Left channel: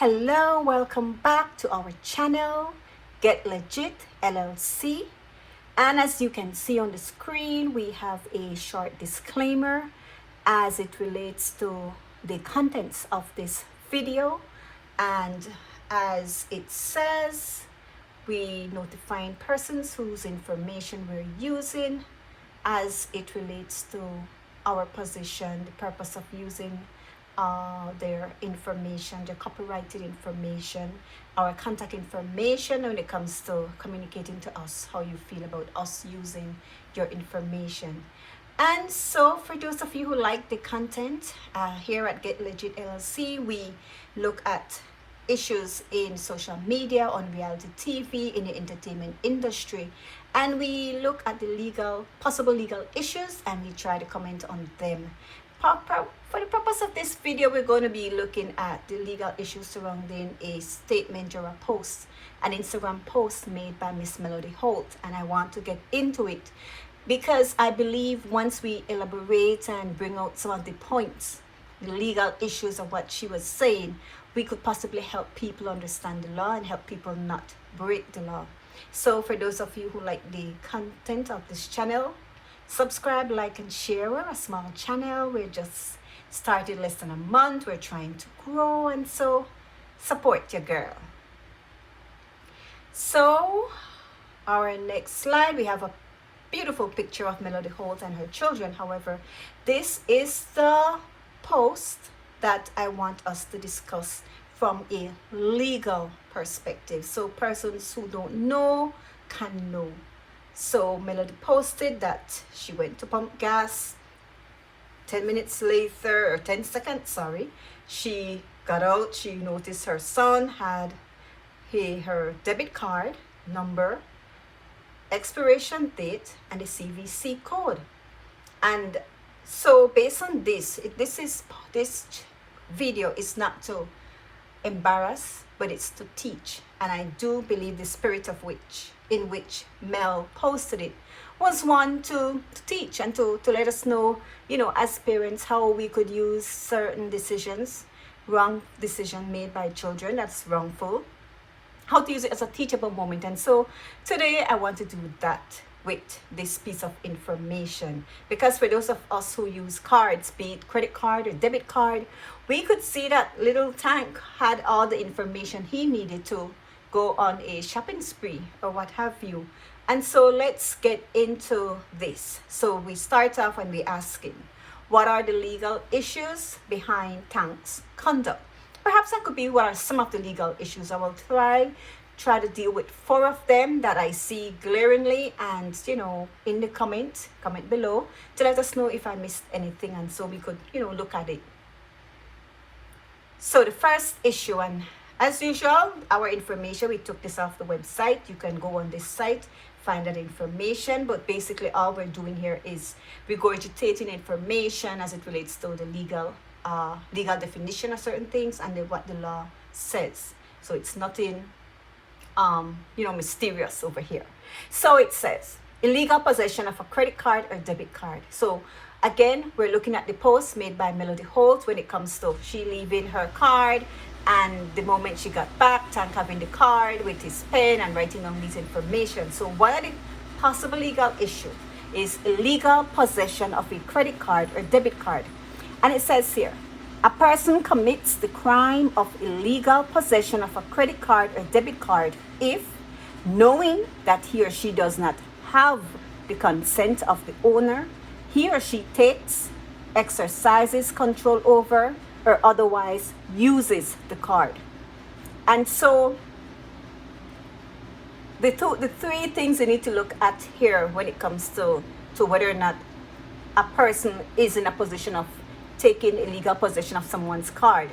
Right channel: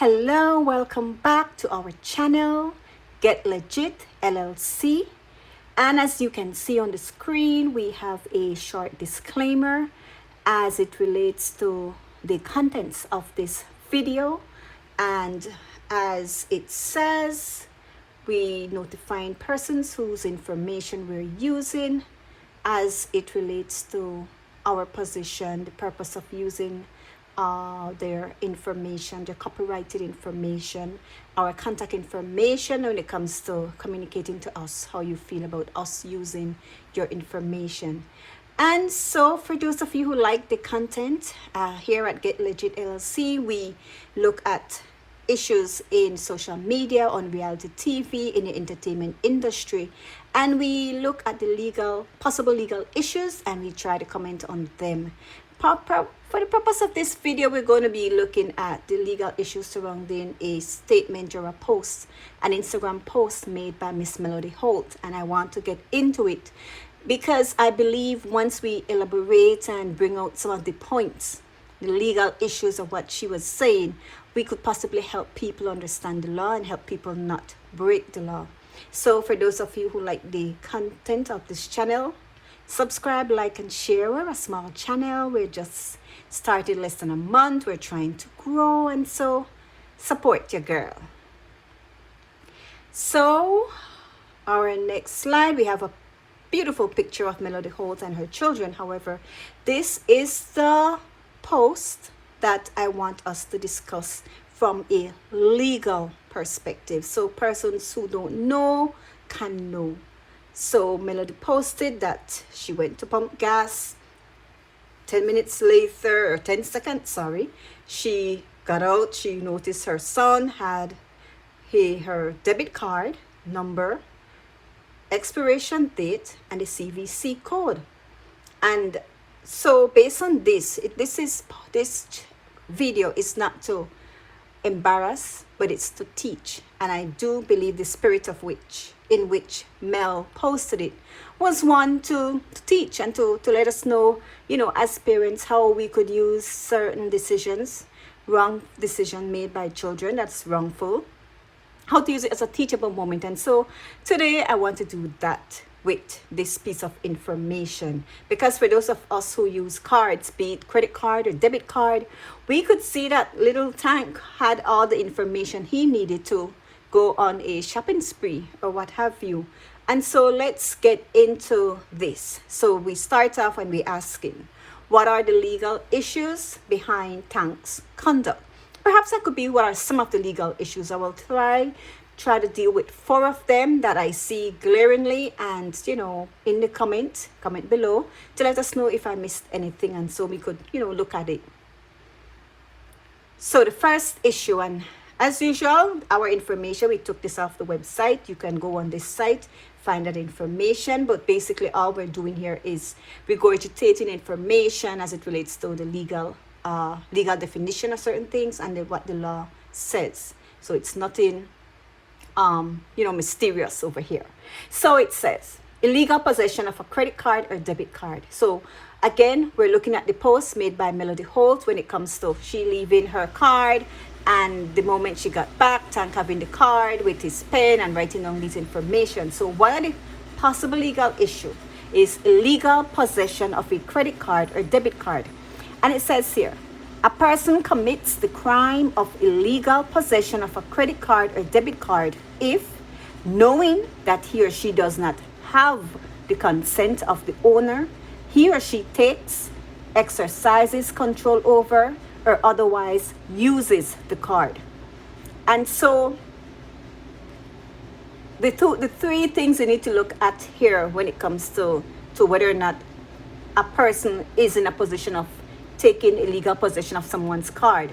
Hello, welcome back to our channel, Get Legit LLC. And as you can see on the screen, we have a short disclaimer as it relates to the contents of this video. And as it says, we notifying persons whose information we're using as it relates to our position, the purpose of using their information, their copyrighted information, our contact information when it comes to communicating to us how you feel about us using your information. And so for those of you who like the content, here at Get Legit LLC, we look at issues in social media, on reality TV, in the entertainment industry, and we look at the possible legal issues, and we try to comment on them. For the purpose of this video, we're going to be looking at the legal issues surrounding a statement or a post, an Instagram post made by Miss Melody Holt, and I want to get into it because I believe once we elaborate and bring out some of the points, the legal issues of what she was saying, we could possibly help people understand the law and help people not break the law. So for those of you who like the content of this channel, subscribe, like, and share. We're a small channel. We're just started less than a month. We're trying to grow, and so support your girl. So our next slide, we have a beautiful picture of Melody Holt and her children. However, this is the post that I want us to discuss from a legal perspective, so persons who don't know can know. So Melody posted that she went to pump gas. 10 minutes later, or 10 seconds, sorry, she got out. She noticed her son had her debit card number, expiration date, and the CVC code. And so based on this, this video is not to embarrass, but it's to teach. And I do believe the spirit in which Mel posted it was one to teach and to let us know, as parents, how we could use certain decisions, wrong decision made by children that's wrongful, how to use it as a teachable moment. And so today I want to do that with this piece of information, because for those of us who use cards, be it credit card or debit card, we could see that little Tank had all the information he needed to go on a shopping spree or what have you. And so let's get into this. So we start off when we asking, what are the legal issues behind Tank's conduct? Perhaps that could be what are some of the legal issues. I will try to deal with 4 of them that I see glaringly, and in the comment below to let us know if I missed anything, and so we could look at it. So the first issue, and as usual, our information, we took this off the website. You can go on this site, find that information, but basically all we're doing here is regurgitating information as it relates to the legal definition of certain things and then what the law says. So it's nothing mysterious over here. So it says illegal possession of a credit card or debit card. So again, we're looking at the post made by Melody Holt when it comes to she leaving her card, and the moment she got back, Tank having the card with his pen and writing down these information. So one of the possible legal issue is illegal possession of a credit card or debit card. And it says here, a person commits the crime of illegal possession of a credit card or debit card if, knowing that he or she does not have the consent of the owner, he or she takes, exercises control over, or otherwise uses the card. And so the 3 things you need to look at here when it comes to whether or not a person is in a position of taking illegal possession of someone's card.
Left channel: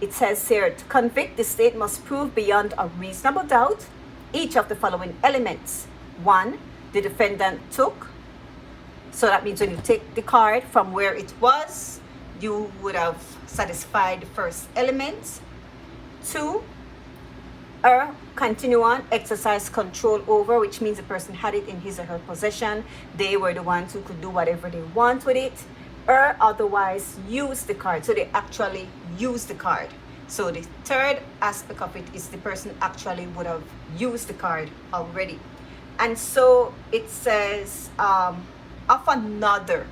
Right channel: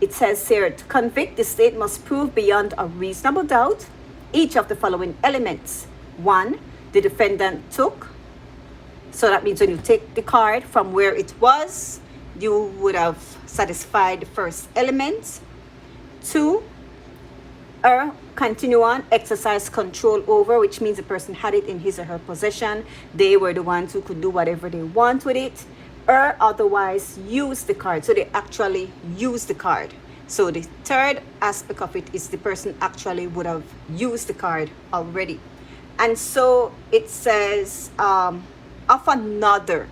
It says here, to convict, the state must prove beyond a reasonable doubt each of the following elements. 1, the defendant took. So that means when you take the card from where it was, you would have satisfied the first element. 2, continue on, exercise control over, which means the person had it in his or her possession. They were the ones who could do whatever they want with it, or otherwise use the card. So they actually use the card. So the third aspect of it is the person actually would have used the card already. And so it says of another.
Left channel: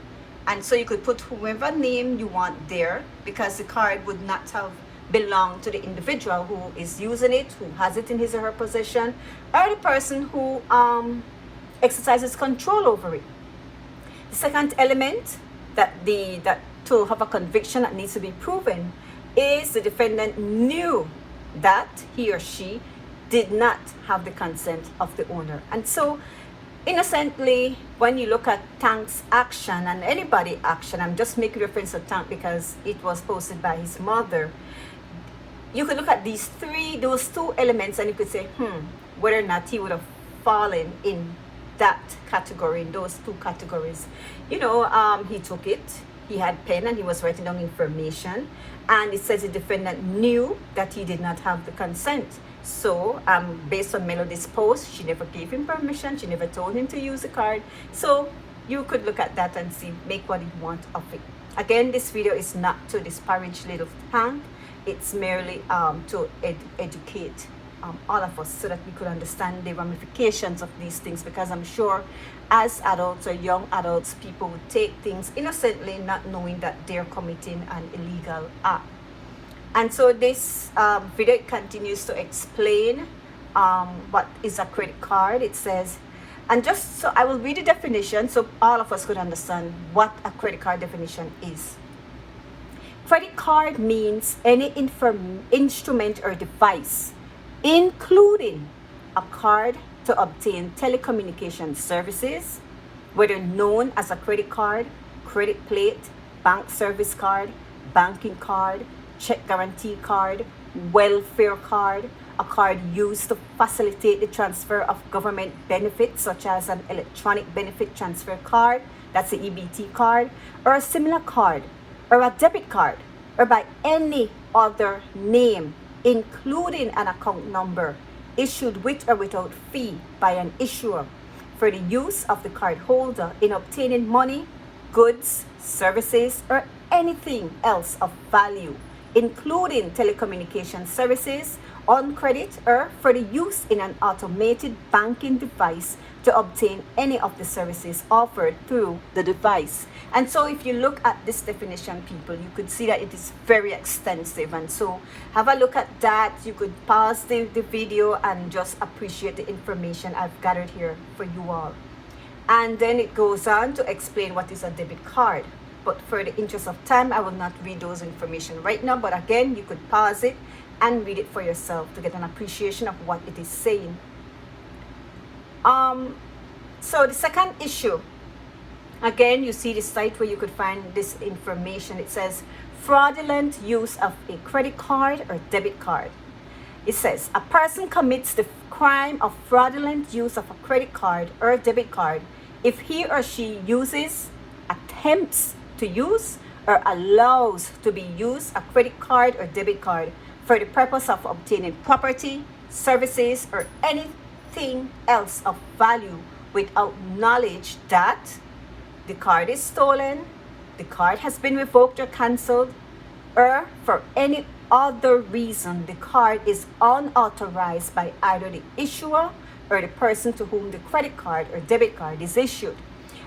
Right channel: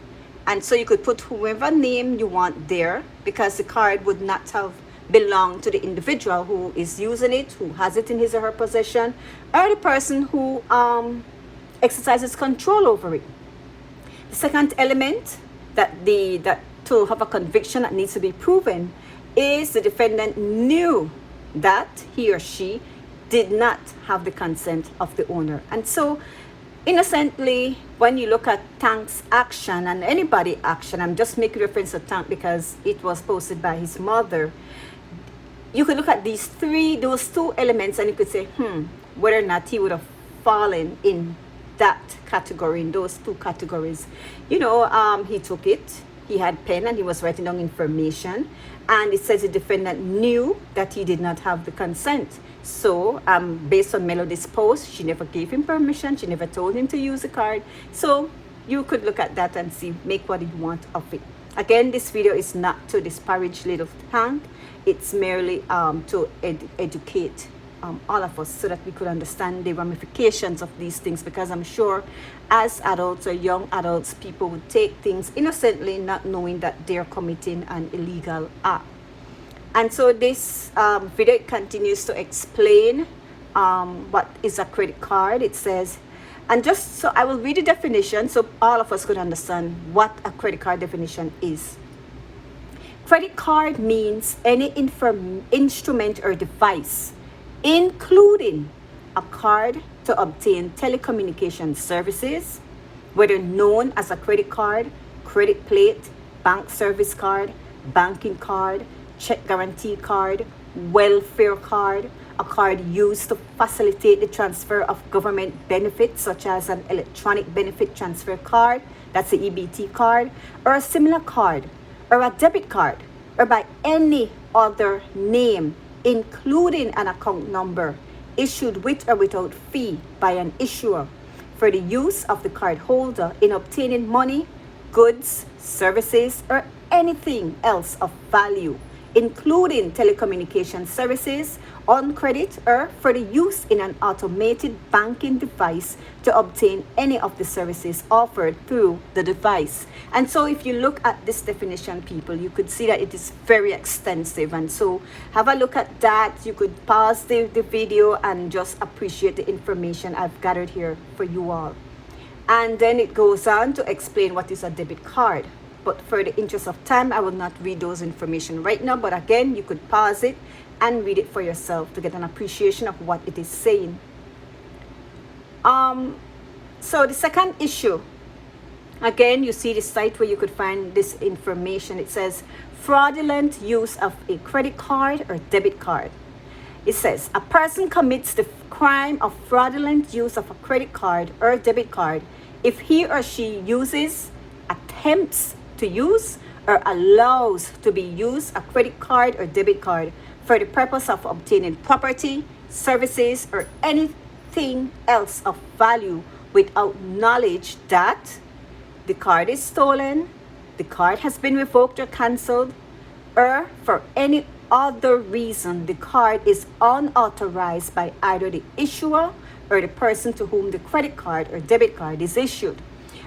And so you could put whoever name you want there, because the card would not have belonged to the individual who is using it, who has it in his or her possession, or the person who exercises control over it. The second element that to have a conviction that needs to be proven is the defendant knew that he or she did not have the consent of the owner. And so innocently, when you look at Tank's action and anybody action, I'm just making reference to Tank because it was posted by his mother, you could look at those two elements, and you could say, whether or not he would have fallen in that category, in those two categories. He took it, he had pen and he was writing down information, and it says the defendant knew that he did not have the consent. So based on Melody's post, she never gave him permission, she never told him to use the card. So you could look at that and see, make what you want of it. Again, this video is not to disparage little Tank, it's merely to educate all of us so that we could understand the ramifications of these things, because I'm sure as adults or young adults, people would take things innocently, not knowing that they're committing an illegal act. And so this video continues to explain what is a credit card. It says, and just so I will read the definition so all of us could understand what a credit card definition is. Credit card means any instrument or device, including a card to obtain telecommunication services, whether known as a credit card, credit plate, bank service card, banking card, check guarantee card, welfare card, a card used to facilitate the transfer of government benefits such as an electronic benefit transfer card, that's the EBT card, or a similar card, or a debit card, or by any other name, including an account number, issued with or without fee by an issuer for the use of the card holder in obtaining money, goods, services, or anything else of value, including telecommunication services, on credit, or for the use in an automated banking device to obtain any of the services offered through the device. And so if you look at this definition, people, you could see that it is very extensive. And so have a look at that. You could pause the video and just appreciate the information I've gathered here for you all. And then it goes on to explain what is a debit card. But for the interest of time, I will not read those information right now. But again, you could pause it and read it for yourself to get an appreciation of what it is saying. So the second issue, again, you see the site where you could find this information. It says fraudulent use of a credit card or debit card. It says a person commits the crime of fraudulent use of a credit card or debit card if he or she uses, attempts to use, or allows to be used a credit card or debit card for the purpose of obtaining property, services, or anything else of value without knowledge that the card is stolen, the card has been revoked or cancelled, or for any other reason the card is unauthorized by either the issuer or the person to whom the credit card or debit card is issued.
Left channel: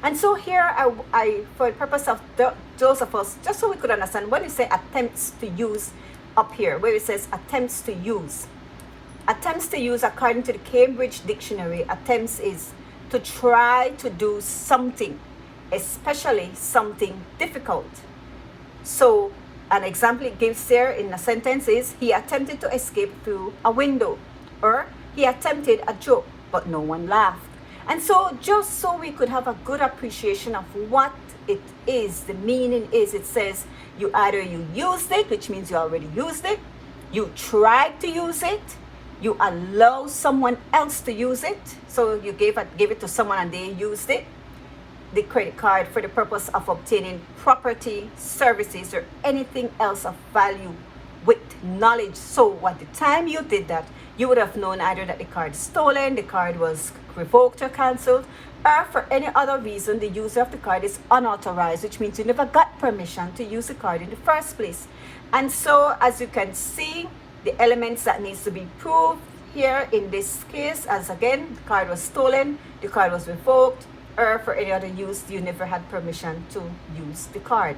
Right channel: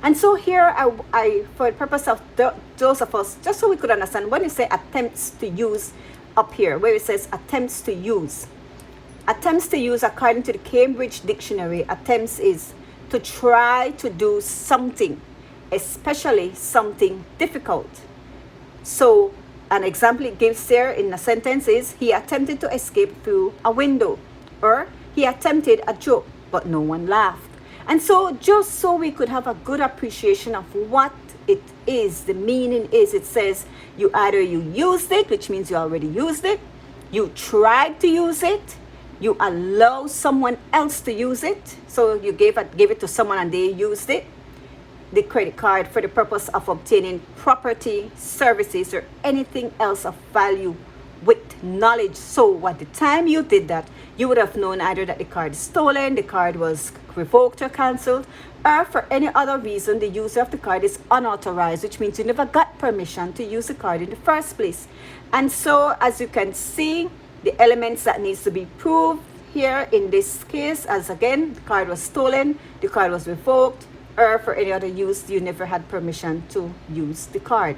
And so here, I for the purpose of those of us, just so we could understand, when you say attempts to use up here, where it says attempts to use, according to the Cambridge Dictionary, attempts is to try to do something, especially something difficult. So an example it gives there in the sentence is, he attempted to escape through a window, or he attempted a joke, but no one laughed. And so just so we could have a good appreciation of what it is, the meaning is, it says you used it, which means you already used it, you tried to use it, you allow someone else to use it, so you gave it to someone and they used it, the credit card for the purpose of obtaining property, services, or anything else of value with knowledge. So at the time you did that, you would have known either that the card is stolen, the card was revoked or cancelled, or for any other reason the user of the card is unauthorized, which means you never got permission to use the card in the first place. And so as you can see, the elements that needs to be proved here in this case, as again, the card was stolen, the card was revoked, or for any other use, you never had permission to use the card.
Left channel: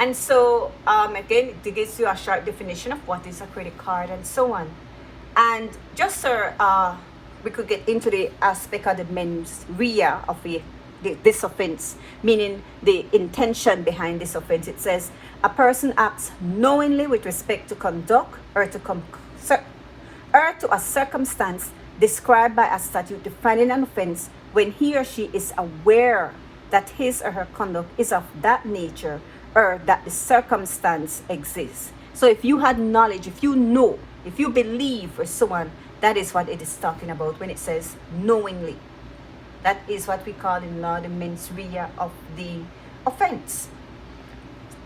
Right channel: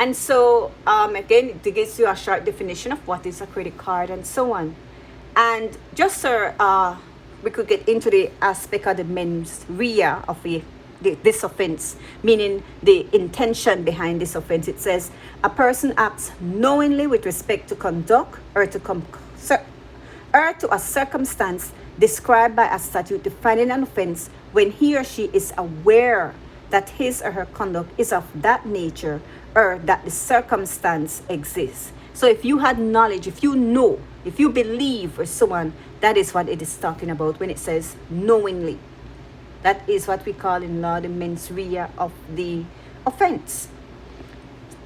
And so again, it gives you a short definition of what is a credit card and so on. And just so we could get into the aspect of the mens rea of this offense, meaning the intention behind this offense. It says a person acts knowingly with respect to conduct or to a circumstance described by a statute defining an offense when he or she is aware that his or her conduct is of that nature or that the circumstance exists. So if you had knowledge, if you know, if you believe or so on, that is what it is talking about when it says knowingly. That is what we call in law the mens rea of the offense.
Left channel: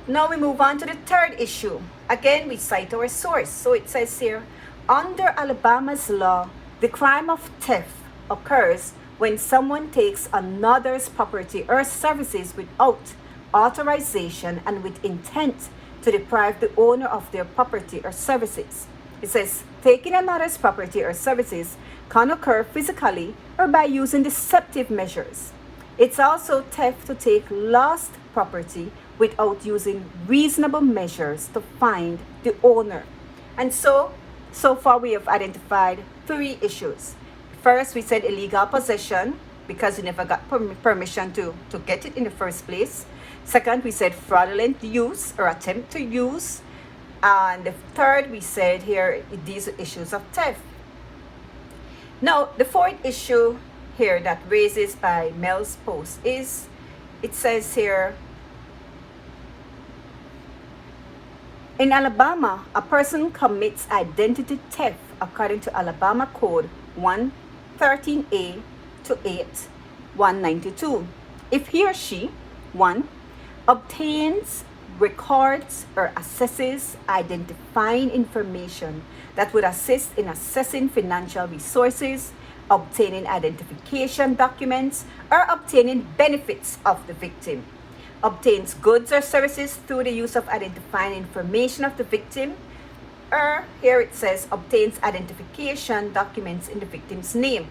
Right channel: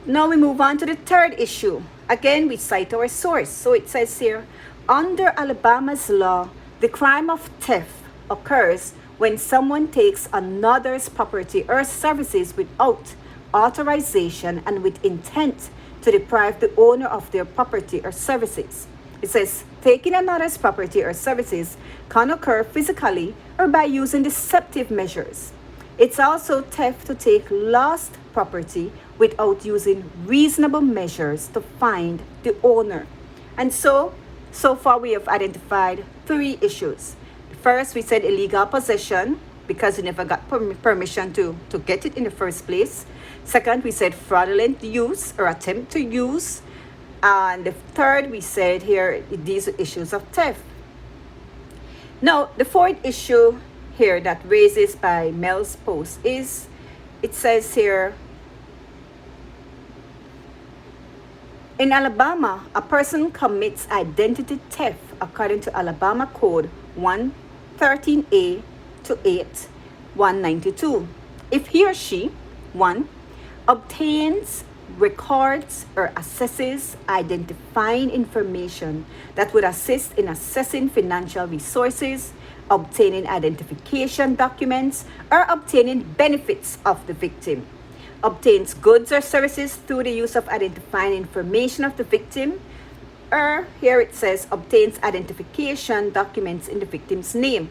Now we move on to the third issue. Again, we cite our source. So it says here, under Alabama's law, the crime of theft occurs when someone takes another's property or services without authorization and with intent to deprive the owner of their property or services. It says taking another's property or services can occur physically or by using deceptive measures. It's also theft to take lost property without using reasonable measures to find the owner. And so far we have identified 3 issues. First, we said illegal possession, because you never got permission to get it in the first place. Second, we said fraudulent use or attempt to use. And the third, we said here, these are issues of theft. Now, the fourth issue here that raises by Mel's post is, it says here, in Alabama, a person commits identity theft according to Alabama Code 113A to 8, 192. If he or she, 1, obtains, records, or assesses identifying information that would assist in assessing financial resources, obtaining identification documents, or obtaining benefits of the victim, obtains goods or services through the use of identifying information of the victim, or here it says obtains identification documents in the victim's name.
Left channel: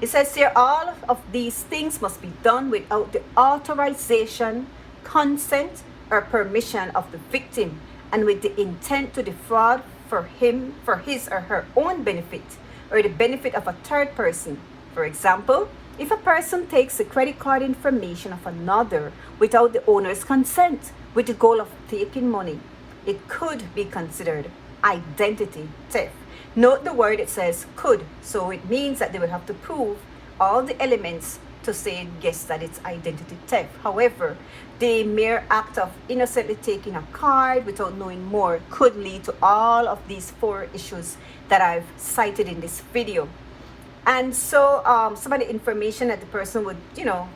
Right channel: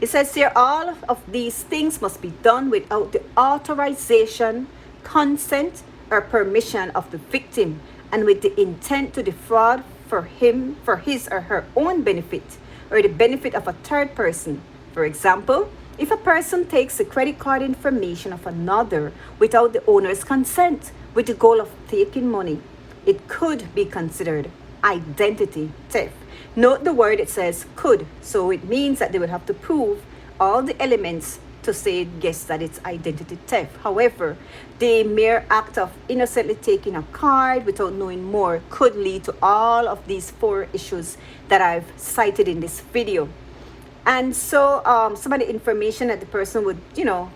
It says here all of these things must be done without the authorization, consent, or permission of the victim, and with the intent to defraud for his or her own benefit or the benefit of a third person. For example, if a person takes the credit card information of another without the owner's consent with the goal of taking money, it could be considered identity theft. Note the word, it says could, so it means that they will have to prove all the elements to say yes that it's identity theft. However, the mere act of innocently taking a card without knowing more could lead to all of these 4 issues that I've cited in this video. And so some of the information that the person would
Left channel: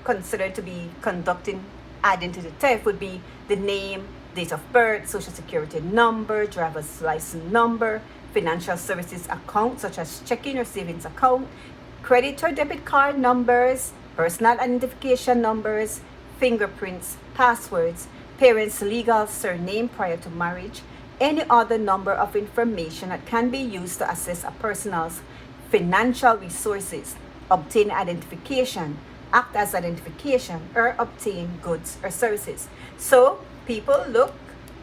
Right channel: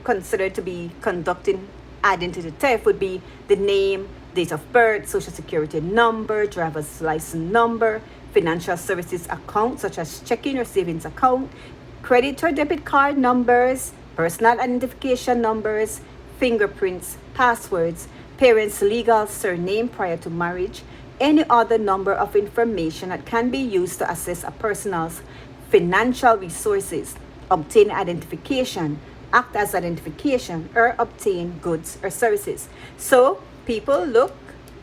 consider to be conducting identity theft would be the name, date of birth, social security number, driver's license number, financial services account such as checking or savings account, credit or debit card numbers, personal identification numbers, fingerprints, passwords, parents' legal surname prior to marriage, any other number of information that can be used to assess a person's financial resources, obtain identification, act as identification, or obtain goods or services. So people, look,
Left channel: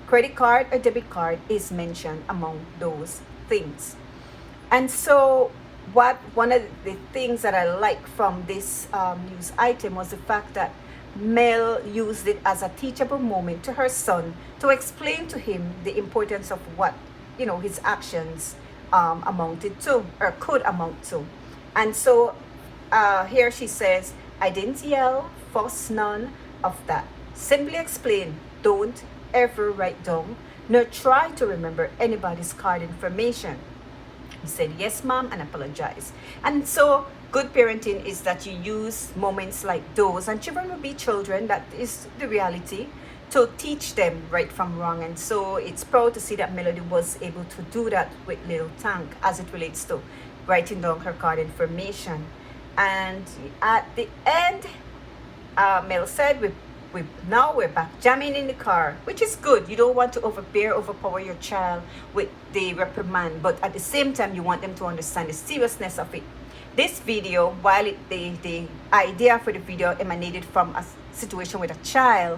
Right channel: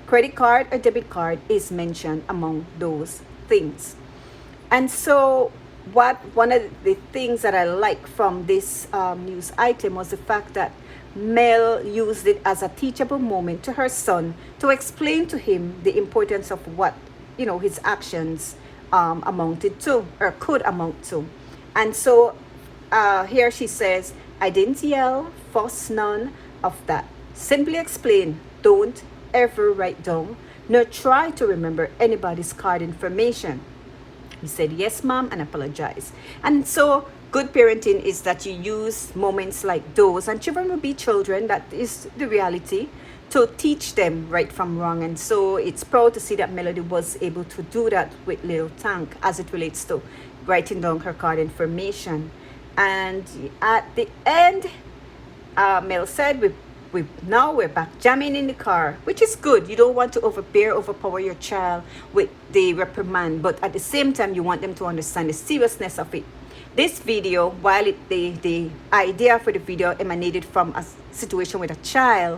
credit card or debit card is mentioned among those things. And so one of the things that I liked from this news item was the fact that Mel used it as a teachable moment to her son to explain to him the importance of what his actions amounted to or could amount to. And so here she says, I didn't yell, fuss, none of that. Simply explain, don't ever write down nor try to remember anybody's card information. He said, yes, mom, and apologize. And so good parenting is that you use moments like those, and children will be children, that is the reality, to teach them right from wrong. And so it's proud to see that Melody was able to do that with Little Tank as it relates to writing down her card information. And at the end, Mel said, now we're back jamming in the car, which is good. You don't want to overpower your child with the reprimand, but at the same time, you want them to understand the seriousness of it. This video, while the idea for the video emanated from a situation with a child,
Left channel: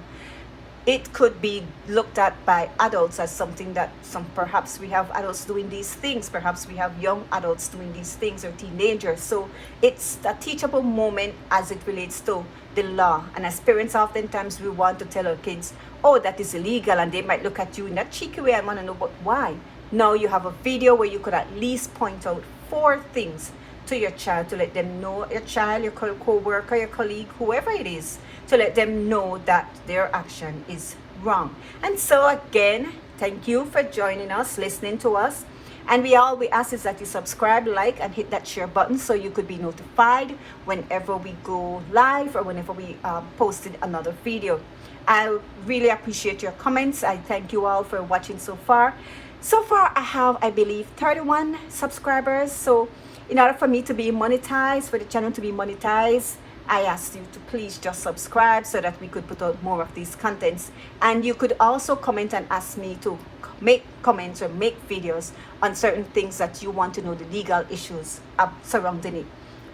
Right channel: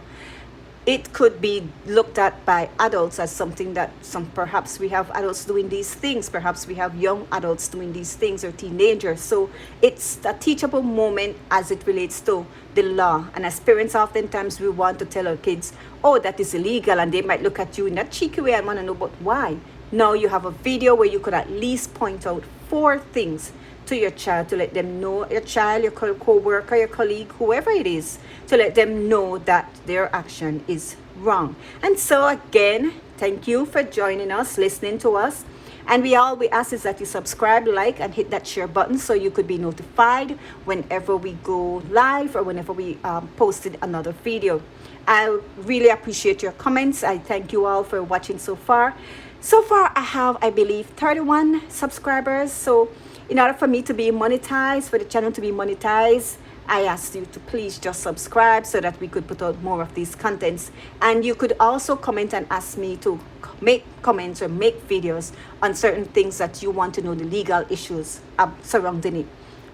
it could be looked at by adults as something that perhaps we have adults doing these things, perhaps we have young adults doing these things, or teenagers. So it's a teachable moment as it relates to the law. And as parents, oftentimes we want to tell our kids, oh, that is illegal, and they might look at you in that cheeky way and want to know, but why? Now you have a video where you can at least point out 4 things to your child, to let them know, your child, your co-worker, your colleague, whoever it is, to let them know that their action is wrong. And so again, thank you for joining us, listening to us. And we ask is that you subscribe, like, and hit that share button so you could be notified whenever we go live or whenever we posted another video. I really appreciate your comments. I thank you all for watching so far. So far, I have, I believe, 31 subscribers. So in order for me to be monetized, for the channel to be monetized, I asked you to please just subscribe so that we could put out more of these contents. And you could also comment and ask me to make comments or make videos on certain things that you want to know, the legal issues surrounding it.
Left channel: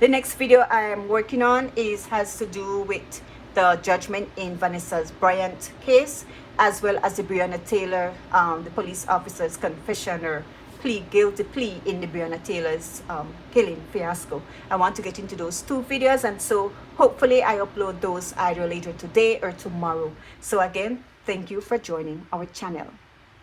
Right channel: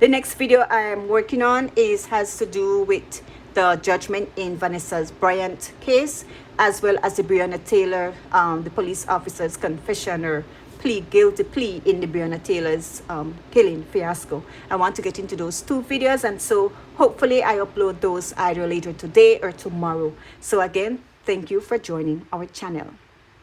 The next video I'm working on has to do with the judgment in Vanessa Bryant case, as well as the Breonna Taylor, the police officer's confession or guilty plea in the Breonna Taylor's killing fiasco. I want to get into those 2 videos, and so hopefully I upload those either later today or tomorrow. So again, thank you for joining our channel.